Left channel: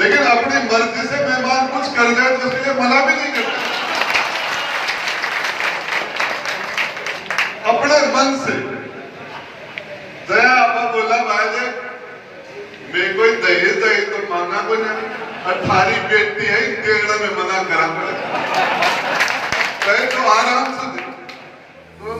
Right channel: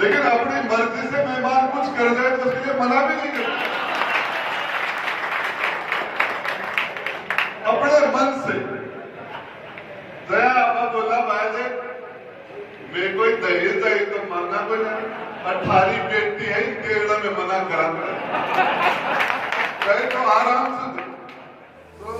लेकिन अपनी मर्जी से मेहमान कुछ कर जाए तो उसके लिए मना भी नहीं करते। अपने मन से दया आपा बोला भाई दे मैं कोई दहेज दही तो मांगा को नहीं, 18 बेटी है टेढ़ा में मना करा कहे तो आराम से दे तो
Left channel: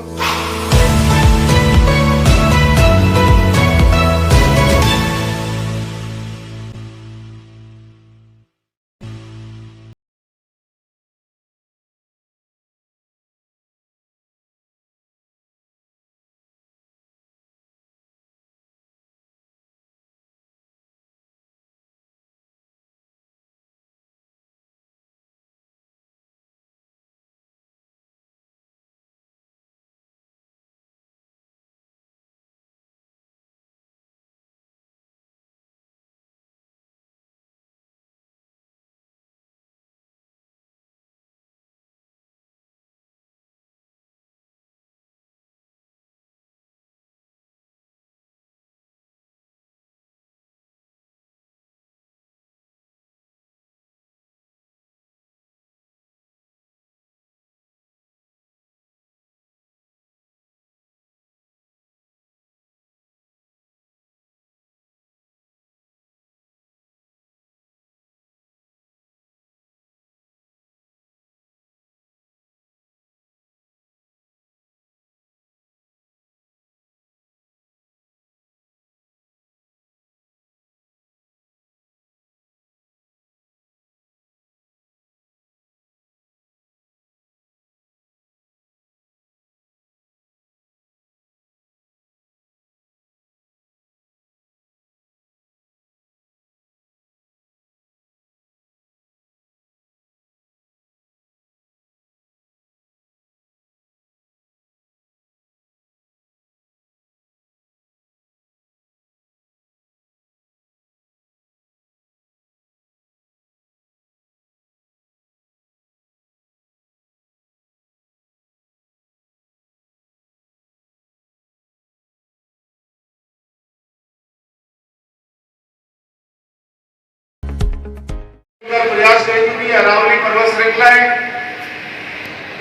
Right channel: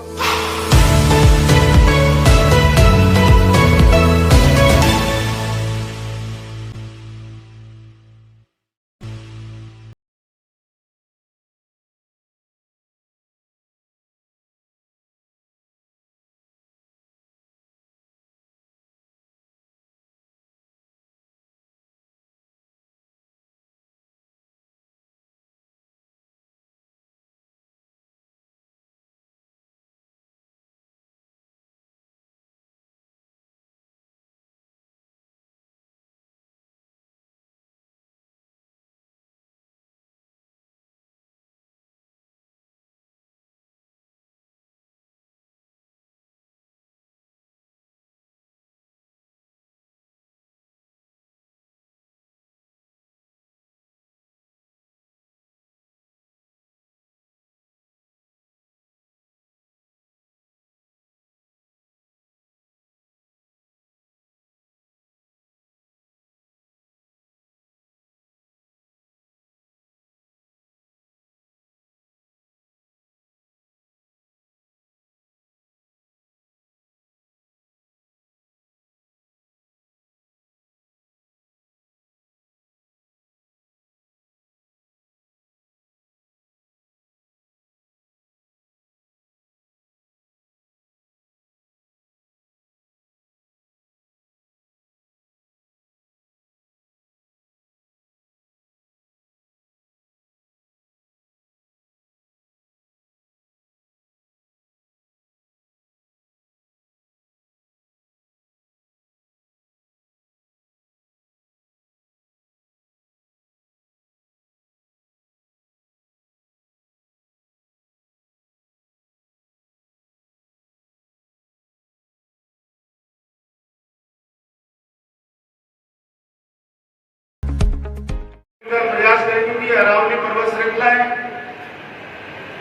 प्रयास करेगी भी अरावली पर्वत श्रृंखला है,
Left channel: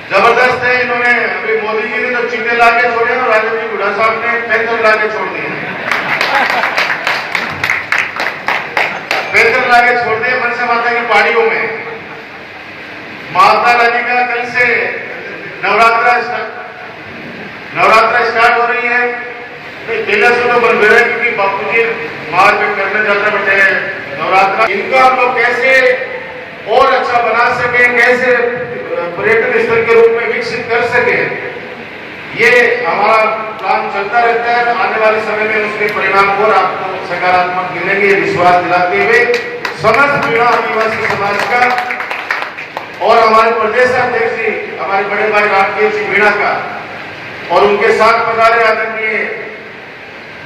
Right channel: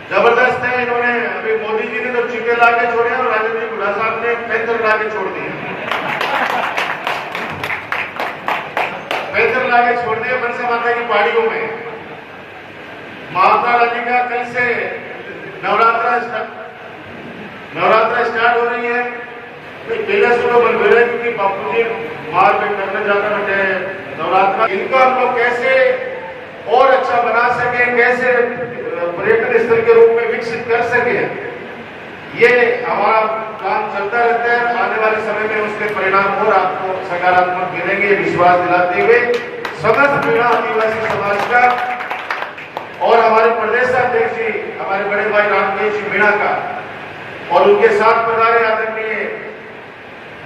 जबरदस्त है। इन्होंने अभी मोदी जी ने तो चीते ला के छोड़े और राजू जी बुढ़ा साहब ने पैदल ला के छोड़ दिए, पैदल ला के छोड़ दिए मनसा माता की पहाड़ियों में। माता रानी का कल से नवरात्रा स्टार्ट हो रही है। पहले से तो बन रहे क्योंकि बापू जी मार्च में करना चाहता बेटे नवरात्रा, इनको हम लोग कैसे और अच्छा बना सके, कैसे पर्यटन स्थल के रूप में विकसित कर सके, ये हमारा प्लान चलता रहता है। आने वाले समय में उसके परिणाम और आपको सकारात्मक मिलेंगे विश्वास दिलाते हुए समस्त मीणा आदिवासी समाज का और हमारे प्रदेश अध्यक्ष जी हमारे बड़े भाई रामकेश जी मीणा का और उनके साथ पधारे आदरणीय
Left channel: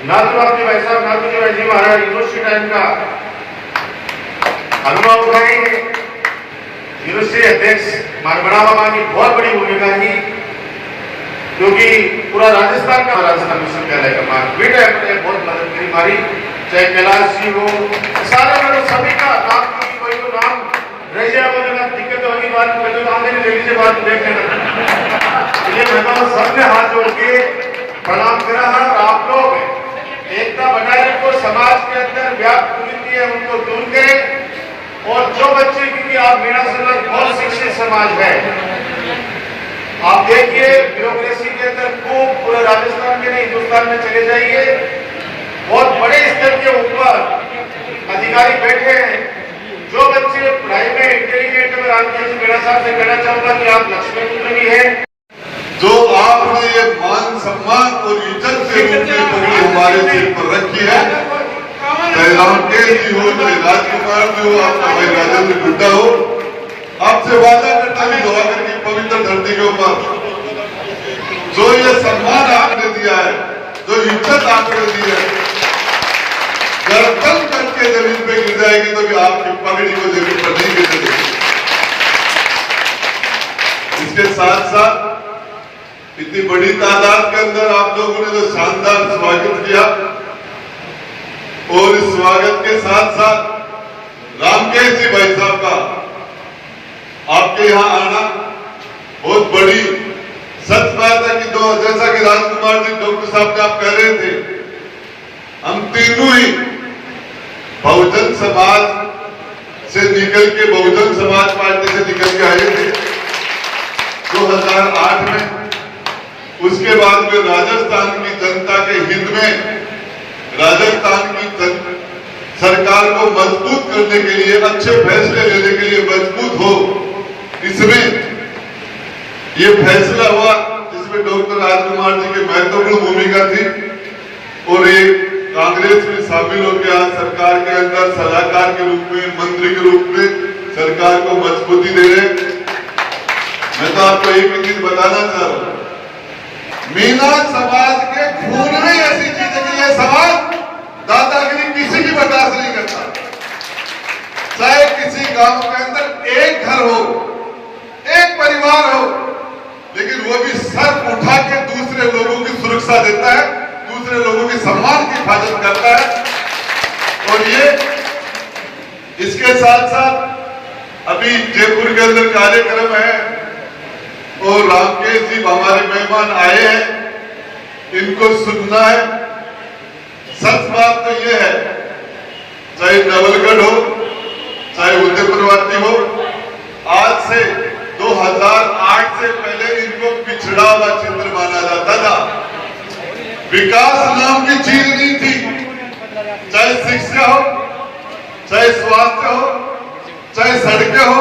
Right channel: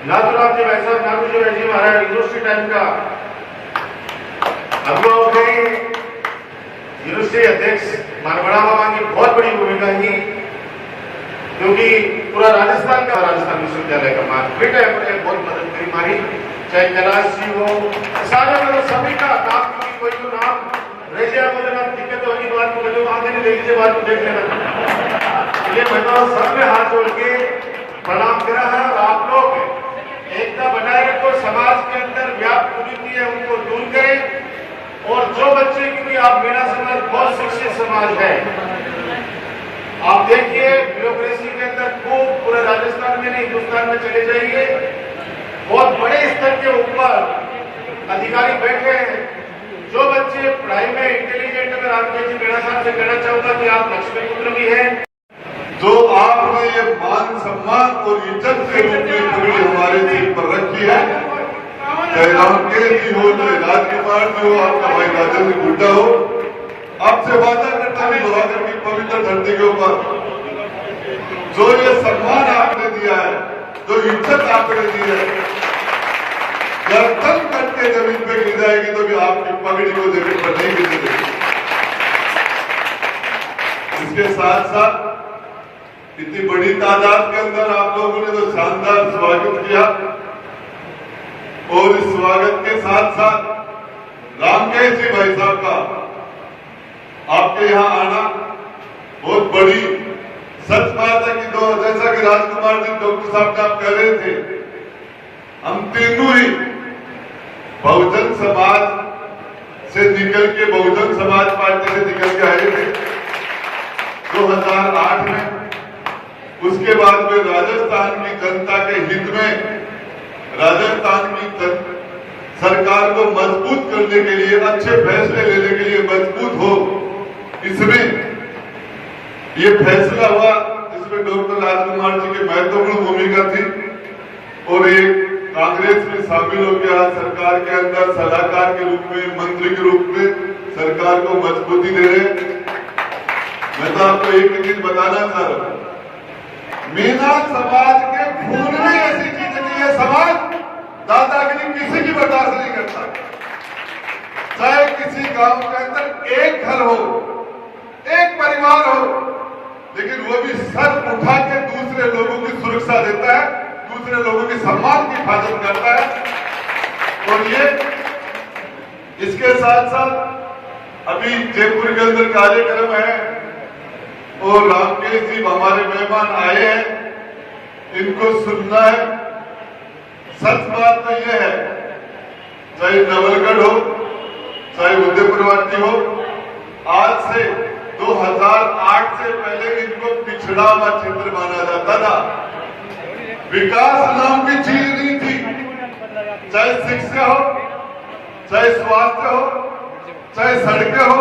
नाथूराम जी भाई साहब, नाथू जी भाई जी महाराज यूनिवर्सिटी टाइम का अनुभव उठाई। यूनिवर्सिटी अध्यक्ष मानवड़ा बाबा की बहुत बड़ी भूमिका थी क्योंकि पूरा राजस्थान का राजस्थान विश्वविद्यालय का मार्केट है, बहुत मदद करी हमारी, चाहे कैलाश जी हो सारे मतलब सभी का नाम कोई तो नाम रह जाए मतलब दिक्कत होगी बात कर लो आगे नहीं लेके बात देखने ये बताओ सबने हाथ जोड़ के प्रणाम करा है। और आप लोग एकता बनाए रखो, समाज के अंदर व्याप्त कुरीति है उनको दूर करें और जो बच्चे क्योंकि आप मीणा समाज बहुत शिक्षित समाज है, आप देखिए ब्यूरोक्रेसी के अंदर खूब पूरे राजस्थान में नहीं हिंदुस्तान में चले जाइए, बहुत बड़े स्तर के ऊपर अधिकारी बैठे हैं। जो बच्चे पढ़ाई में इंटेलिजेंट है, रामकेश जी मीणा साहब से कहना चाहूंगा कि आप लक्ष्मी पुत्र भी हैं। जो आपने ये मान सम्मान और इज्जत के रूप में पगड़ी हमारे सिर पर रखी है, चाहे रामकेश जी हो, चाहे राजकुमार जी हो, आपका भाई राजेंद्र गुड्डा हो, आपसे वादा करता हूँ लोहागढ़ की पवित्र धरती के ऊपर जो ये सम्मान आपने दिया है, जो इज्जत आपने दी है, गर्दन करके जमीन पे गिर जाएगी तो भी आपकी पगड़ी को जमीन पर नहीं गिरने देगी। इसके साथ साथ इतनी बड़ी तादाद के अंदर आप लोगों ने जो शानदार स्वागत किया और इस स्वागत के साथ साथ रामकेश जी भाई साहब का आपके यहाँ आना बहुत बड़ी सच बात है कि जैसा कि राजकुमार जी डॉक्टर साहब ने आप कह रहे थे, हम तीनों ही बहुजन समाज से निकल के बहुजन समाज पार्टी से निकल के आए थे 2008 में। उसके बाद में राजस्थान की जनता के हित में राजस्थान की सरकार को मजबूत करने के लिए, अच्छे फैसले लेने के लिए मजबूत हो, इसमें ये फैसला हुआ जिसमें डॉक्टर राजकुमार जी की महत्वपूर्ण भूमिका थी। और ये कांग्रेस में शामिल हो गया, सरकार के अंदर सलाहकार के रूप में, मंत्री के रूप में सरकार को मजबूती दे रहे। मैं तो आपको एक ही चीज बताना चाह रहा हूं, मीना समाज के खून में ऐसी चीज है कि ये समाज दादागिरी किसी की बर्दाश्त नहीं करता। चाहे किसी गांव के अंदर एक घर हो, एक परिवार हो, लेकिन वो भी सर उठा के दूसरे लोगों की सुरक्षा देता है, दूसरे लोगों के सम्मान की हिफाजत करता है। और ये इसके साथ साथ अभी जयपुर के अंदर कार्यक्रम है और रामकेश जी हमारे मेहमान आए हैं, इनको सुनना है। सच बात तो यह है, चाहे नवलगढ़ हो, चाहे उदयपुरवाटी हो, आज से 2008 से पहले इनको पिछड़ा हुआ क्षेत्र माना जाता था। विकास नाम की चीज नहीं थी, चाहे शिक्षा हो, चाहे स्वास्थ्य हो, चाहे सड़कें हो।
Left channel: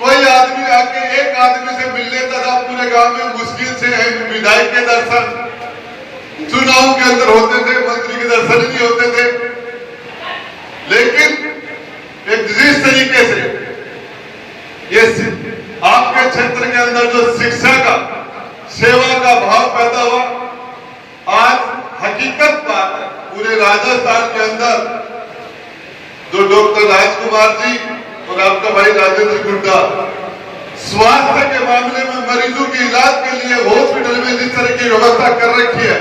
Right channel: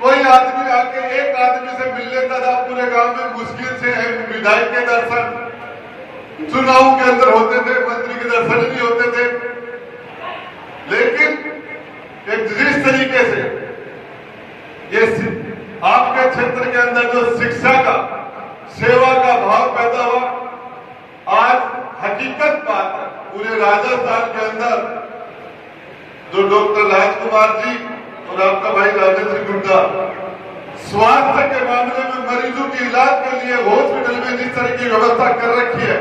कोई आदमी आके एक आदमी से मिल लेता था पूरे गांव में, मुश्किल से विधायक के दर्शन चुनाव के अंदर होते थे, मंत्री के दर्शन नहीं होते थे। लेकिन एक जिस तरीके से ये आपके क्षेत्र के अंदर जो शिक्षा का, सेवा का भाव पैदा हुआ, आज हकीकत बात है पूरे राजस्थान के अंदर जो डॉक्टर राजकुमार जी और आपका भाई राजेंद्र गुड्डा स्वास्थ्य के मामले में मरीजों के इलाज के लिए हॉस्पिटल में जिस तरह की व्यवस्था कर रखी है,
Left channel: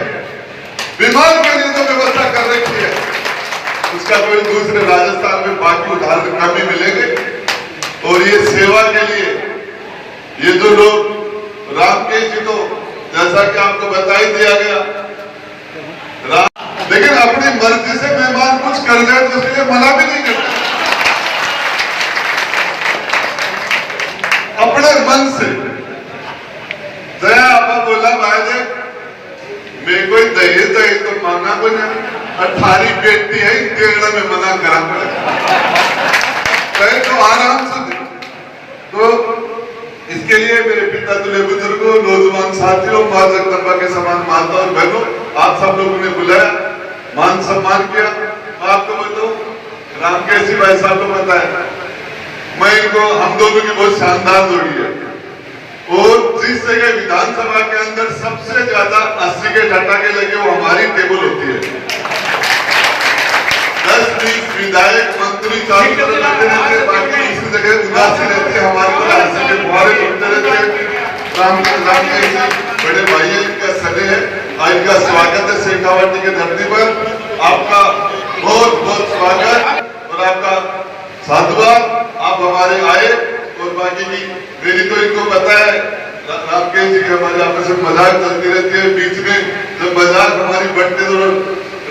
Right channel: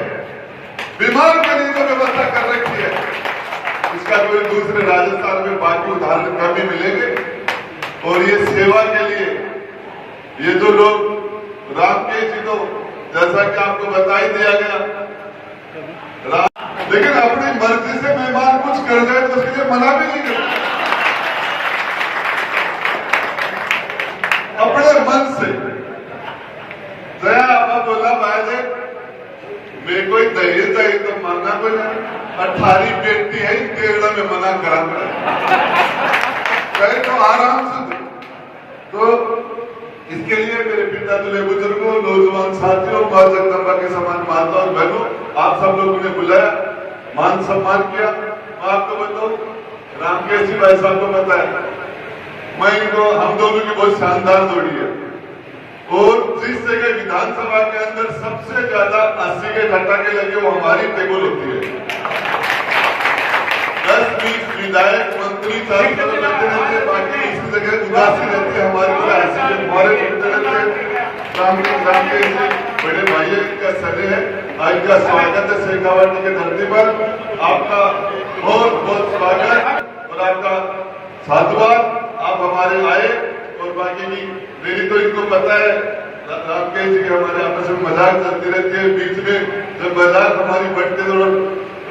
बीमार के लिए जो व्यवस्था कर रखी है, उसका कोई दूसरे राजस्थान में बाकी उदाहरण कम ही मिलेंगे। और ये सेवा के लिए ये जो लोग रामकेश जी, तो जैसा कि आपको बता ही दिया गया, लेकिन अपनी मर्जी से मेहमान कुछ कर जाए तो उसके लिए मना भी नहीं करते, अपने मन से। जया आपा बोला भाई जी मैं कोई दहेज दही तो मांगा को नहीं, 18 बेटी है, केरला में मना करा कहे तो आराम से दे। तो इसके लिए मेरे पिता तुल्य बुजुर्गों, नौजवान साथियों, मां जगदम्बा के समान माता और बहनों, आप सब लोगों ने बुलाया, मान सम्मान किया। आपको बताऊं, रामकेश जी भाई साहब को बताया, मैं इनको, हम दोनों की बहुत शानदार जोड़ी है। और जिस जगह विधानसभा के अंदर सबसे ज्यादा 80 के झटाके लगे वो हमारी टेबल होती है। 10-20 विधायक मंत्री चालू करते रहते, बाकी इसी जगह उदासी रहती है, हमारे को 80 के फुहारे उठते रहते। रामकेश जी बड़े भाई है, इनका सने है, आज का स्वागत है शेखावाटी के धरती पर। आपका बहुत बहुत स्वागत और आपका साधुवाद, आप हमारे आए। और बाकी की मेरी तो इनको पता है, रामकेश जी की हमारे आपस में मजाक चलती रहती है, बीच में जब मजाक हमारी बढ़ते तो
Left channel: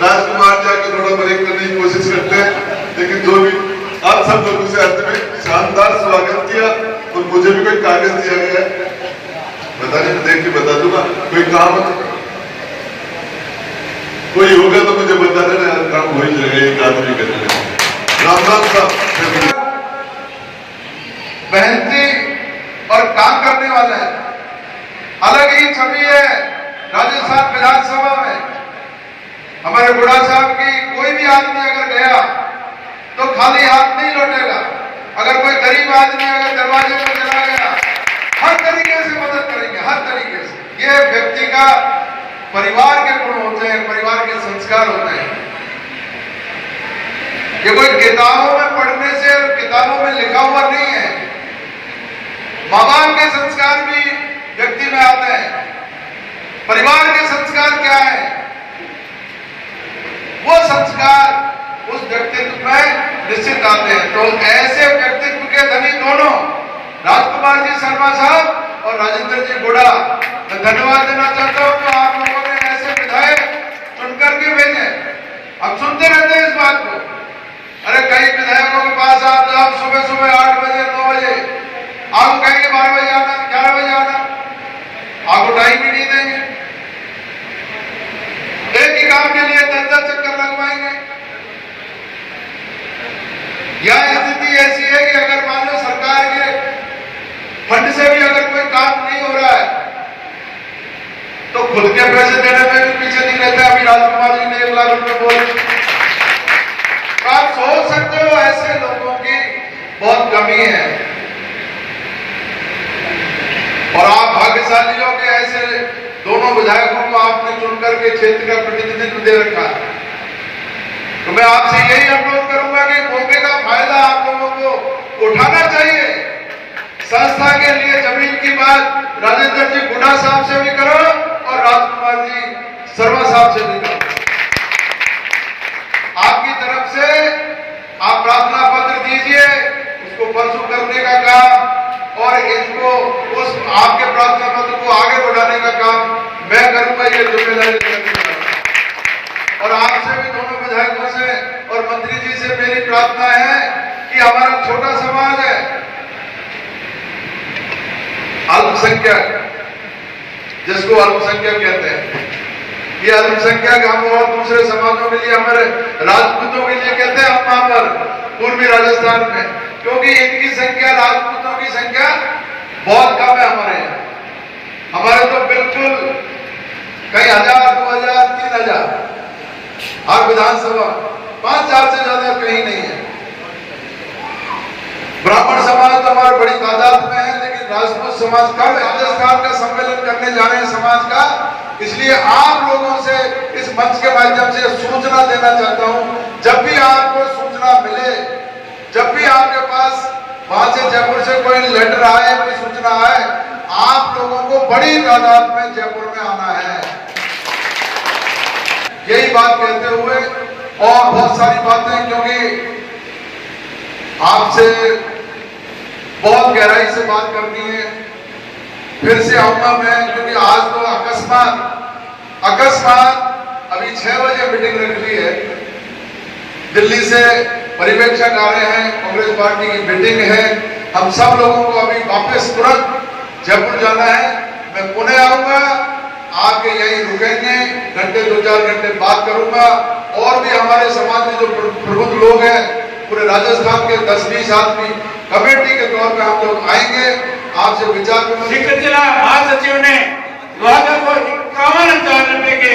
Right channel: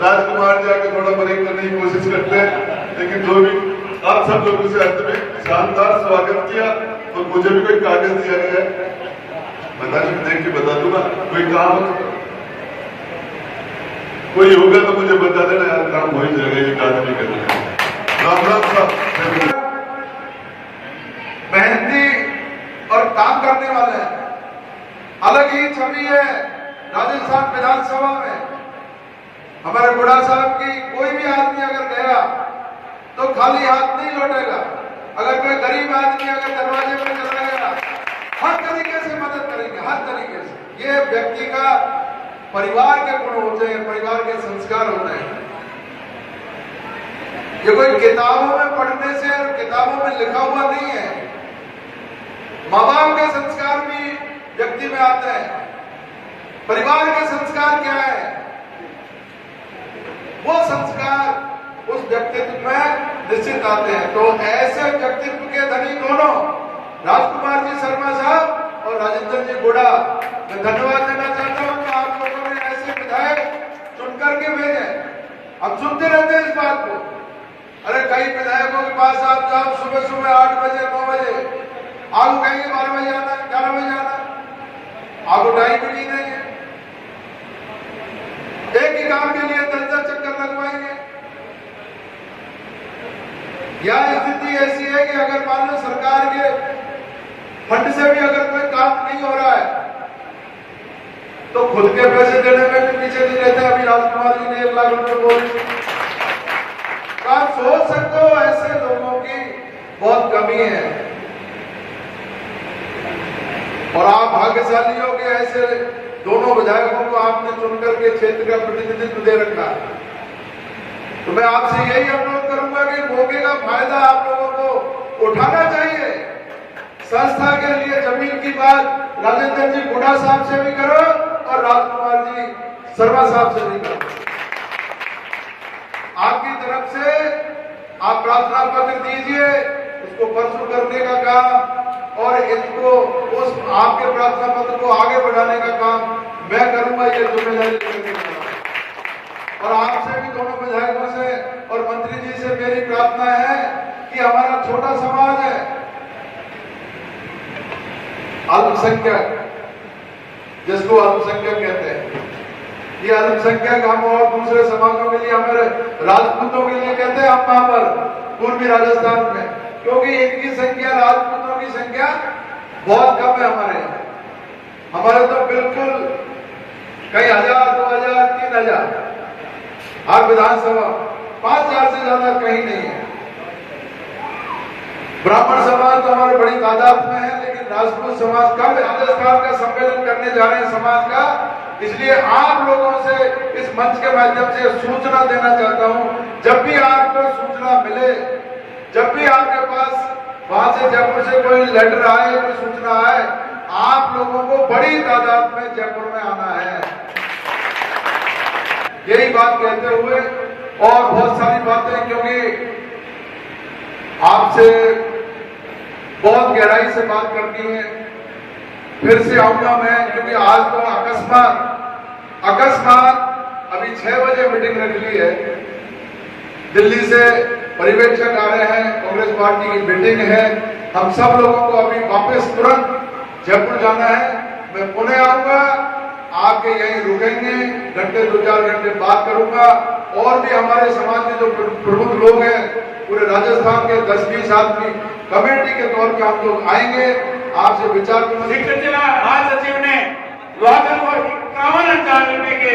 राजकुमार जाके थोड़ा ब्रेक करने की कोशिश करते हैं। लेकिन जो भी आप सब लोगों से अंत में शानदार स्वागत किया। और मुझे भी कोई कागज दिया गया है, बताने देख के बता दूंगा, कोई काम कोई होगा तो मुझे बता देना, काम हो ही जाएगा, एक आदमी करना। राम राम साहब मेहनती और काम करने वाले हैं, अलग ही छवि है राजस्थान विधानसभा में। हमारे बुढ़ा साहब की कोई भी आदमी अगर गया तो खाली हाथ नहीं लौटेगा। अगर कोई गरीब आदमी अगर दरवाजे पर चला गया, हर तरीके से मदद करेंगे, हर तरीके से। ये व्यक्ति का परिवार के गुण होते हैं, परिवार के संस्कार होते हैं। ये कोई किताबों में पढ़ने से और किताबों में लिखा हुआ नहीं है। माँ बाप के संस्कार भी व्यक्ति में आते हैं। परिवार के संस्कार क्या है, वो संस्कार उस व्यक्तित्व में निश्चित आते चाहते हैं। तो ऐसे व्यक्तित्व के धनी दोनों राजकुमार जी शर्मा साहब और राजेंद्र जी गुड़ा, मैं धन्यवाद देना चाहता हूं कि आप लोगों ने ऐसे विधायक चुन करके भेजे। अब सुनते रहते हैं इस बात को, अरे कई विधायकों के पास आप जाओ सुबह सुबह 8 बजे 9 बजे, आपको कहेंगे 12 बजे आना, 11 बजे आना, आपको टाइम ही नहीं देंगे। एक ही काम के लिए 10 चक्कर लगवाएंगे। यह स्थिति ऐसी है कि अगर मान लो सरकार के फंड से भी अगर कोई काम नहीं हो रहा है तो खुद के पैसे देने में भी पीछे नहीं रहता। अभी राजकुमार जी ने 1 लाख रुपए बोले। तो आप सोच सकते हो ऐसे लोगों की बहुत कमी है और आप भाग्यशाली हो कि ऐसे दोनों विधायकों को आपने चुनकर के क्षेत्र का प्रतिनिधित्व दे रखा है। तो मैं आपसे यही अनुरोध करूंगा कि मौके का फायदा आप लोगों को उठाना चाहिए। संस्था के लिए जमीन की बात राजेंद्र जी गुड़ा साहब से भी करो और राजकुमार जी शर्मा साहब से भी करो। आपकी तरफ से आप प्रार्थना पत्र दीजिए, उसको परसों करने का काम और इनको उस आपके प्रार्थना पत्र को आगे बढ़ाने का काम मैं करूंगा, ये जिम्मेदारी करूंगा। और आपसे भी दोनों विधायकों से और मंत्री जी से मेरी प्रार्थना है कि हमारा छोटा समाज है, अल्पसंख्यक, जिसको अल्पसंख्यक कहते हैं, ये अल्पसंख्यक हम और दूसरे समाजों के लिए, हमारे राजपूतों के लिए कहते हैं हम वहां पर पूर्वी राजस्थान में, क्योंकि इनकी संख्या, राजपूतों की संख्या बहुत कम है हमारे यहाँ। हमारे तो बिल्कुल कई हजार, 2000, 3000 हर विधानसभा, 5000 से ज्यादा कहीं नहीं है। ब्राह्मण समाज तो हमारे बड़ी तादाद में है, लेकिन राजपूत समाज का राजस्थान का सम्मेलन करने जा रहे हैं समाज का, इसलिए आप लोगों से इस मंच के माध्यम से सूचना देना चाहता हूं। जब भी आपको सूचना मिले, जब भी आपके पास वहां से जयपुर से कोई लेटर आए, कोई सूचना आए, आप लोगों को बड़ी तादाद में जयपुर में आना है। यही बात कहते हुए और बहुत सारी बातें, क्योंकि आपसे बहुत गहराई से बात करनी है, फिर से आऊंगा मैं, क्योंकि आज तो अकस्मात अभी 6 बजे मीटिंग रख ली है। दिल्ली से पर्यवेक्षक आ रहे हैं, कांग्रेस पार्टी की मीटिंग है, हम सब लोगों को अभी वापस तुरंत जयपुर जाना है। मैं पुणे आऊंगा, आके यहीं रुकेंगे, घंटे 2-4 घंटे बात करूंगा और भी हमारे समाज में जो प्रबुद्ध लोग हैं, पूरे राजस्थान के 10-20 आदमी कमेटी के तौर पे हम लोग आएंगे, आपसे विचार विमर्श। जिला महासचिव ने 51 रुपए के